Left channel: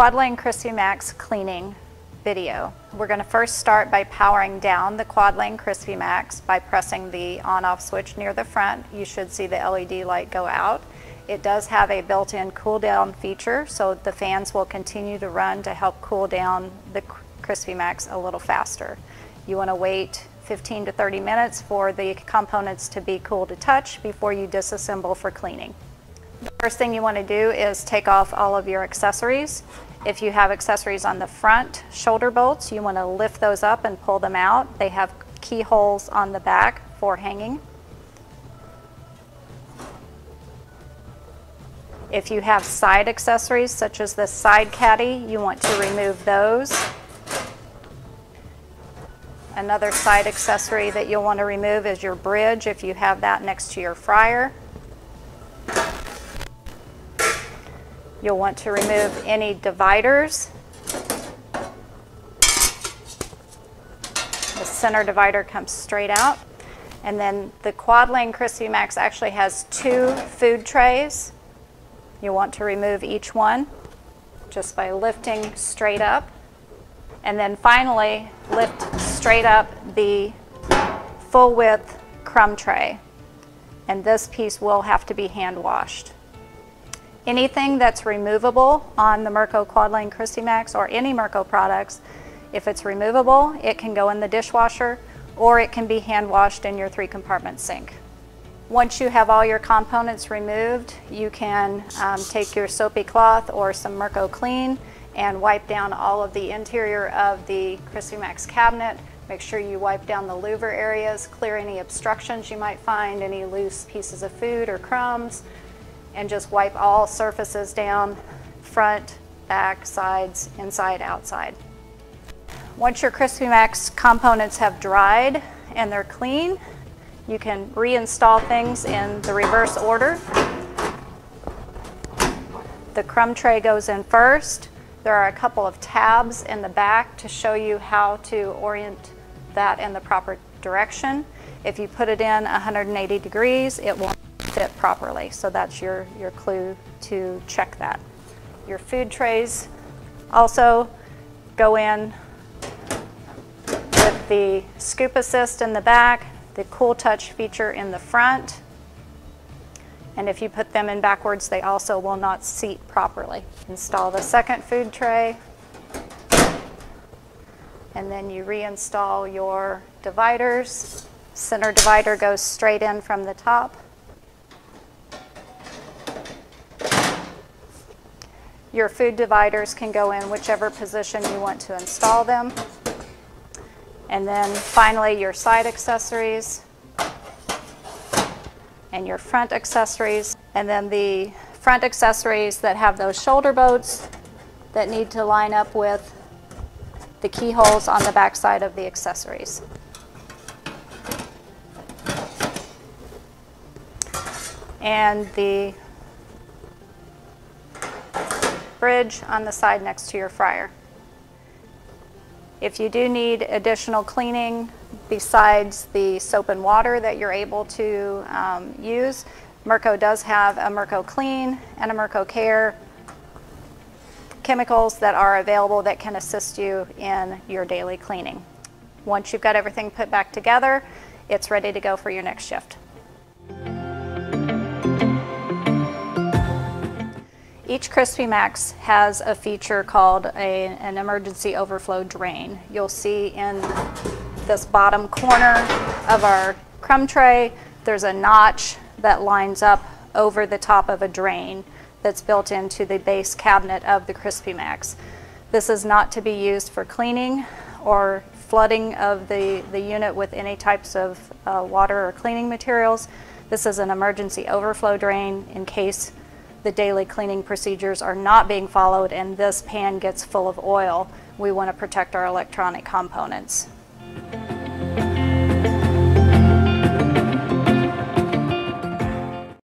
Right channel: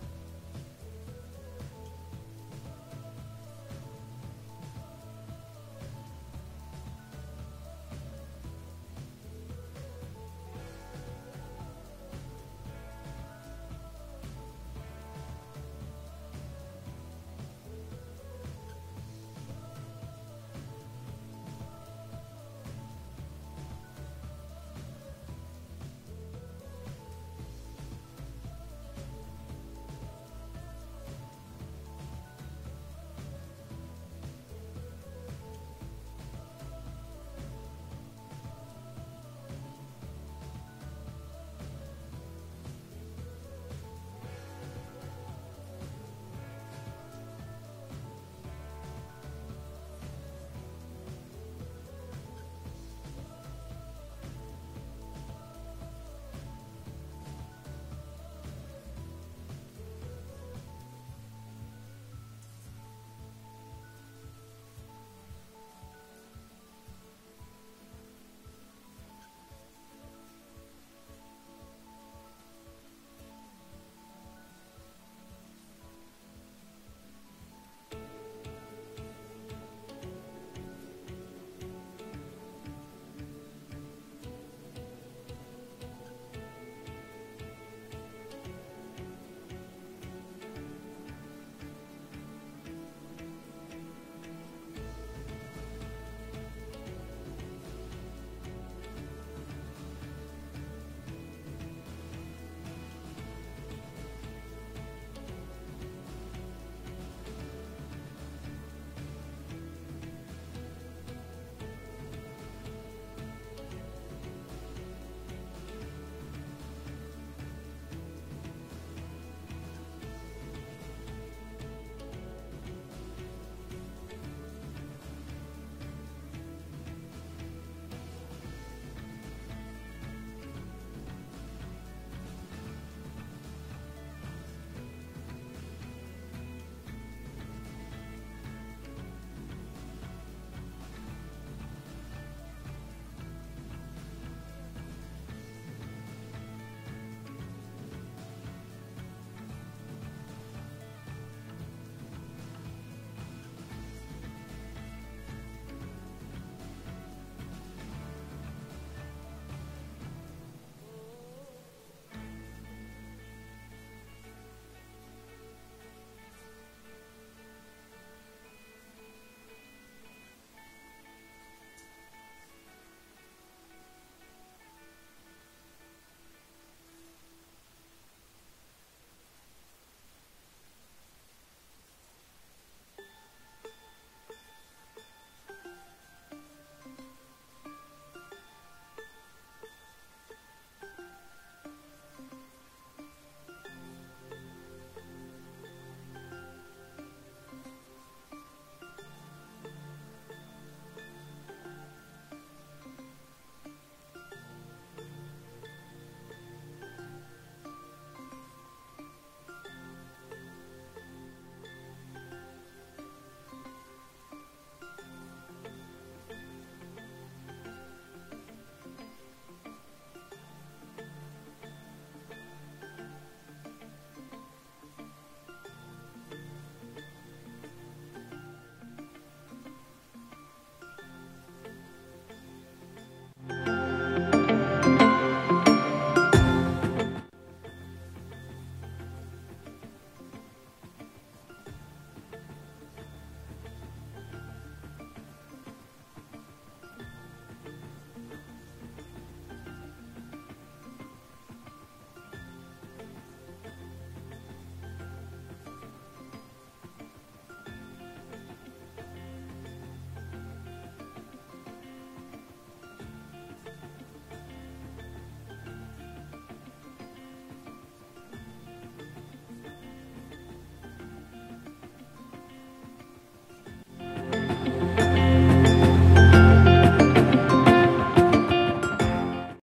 Quad Lane CrispyMax cleaning video. We're going to first start by powering down the Quad Lane CrispyMax by pressing the on-off switch near the front. You should see the LED light go out. It does have a built-in cool down feature, so the fans will continue to run to help cool down the CrispyMax a little faster. You want to wait 15 to 30 minutes for the components to be cool to touch before you disassemble for cleaning. The first thing you want to do is take off all of your accessories. If you have accessories on the front shoulder bolts, you want to lift those up and pull them out. They have keyholes on the back for hanging. If you have side accessories such as the side caddy, you want to remove those. Another side accessory that you'll want to remove is your bridge if you have that next to your fryer. You'll want to remove any dividers. The center divider comes straight out. And then the Quad Lane CrispyMax actually has 2 food trays. You'll want to remove each one just by lifting straight up. And then finally, lift straight up the full width crumb tray. And this piece will have to be hand washed. Anything that's removable on the Merco Quad Lane CrispyMax or any Merco products, if it's removable, it can go in the dishwasher or it can be hand washed in your 3-compartment sink. Once you have all your components removed, you can take your soapy cloth or some Merco Clean and wipe down all of the interior of the CrispyMax cabinet. Make sure you wipe down the louver areas, clear any obstructions you might find, any loose pieces of food or crumbs, and just wipe all surfaces down, front, back, sides, inside, outside. Once your CrispyMax components have dried and they're clean, you can reinstall things in the reverse order. The crumb tray goes in first. There are a couple of tabs in the back to show you how to orient that in the proper direction. If you put it in 180 degrees, it won't fit properly. So that's your clue to check that. Your food trays also go in with the scoop assist in the back, the cool touch feature in the front. And if you put them in backwards, they also will not seat properly. Install the second food tray, and then you reinstall your dividers. Center divider goes straight in from the top. Your food dividers can go in whichever position you want to install them. And then finally your side accessories and your front accessories. And then the front accessories that have those shoulder bolts that need to line up with the keyholes on the back side of the accessories. And the bridge on the side next to your fryer. If you do need additional cleaning besides the soap and water that you're able to use, Merco does have a Merco Clean and a Merco Care chemicals that are available that can assist you in your daily cleaning. Once you've got everything put back together, it's ready to go for your next shift. Each CrispyMax has a feature called an emergency overflow drain. You'll see in this bottom corner of our crumb tray, there's a notch that lines up over the top of a drain that's built into the base cabinet of the CrispyMax. This is not to be used for cleaning or flooding of the unit with any types of water or cleaning materials. This is an emergency overflow drain in case the daily cleaning procedures are not being followed and this pan gets full of oil. We want to protect our electronic components.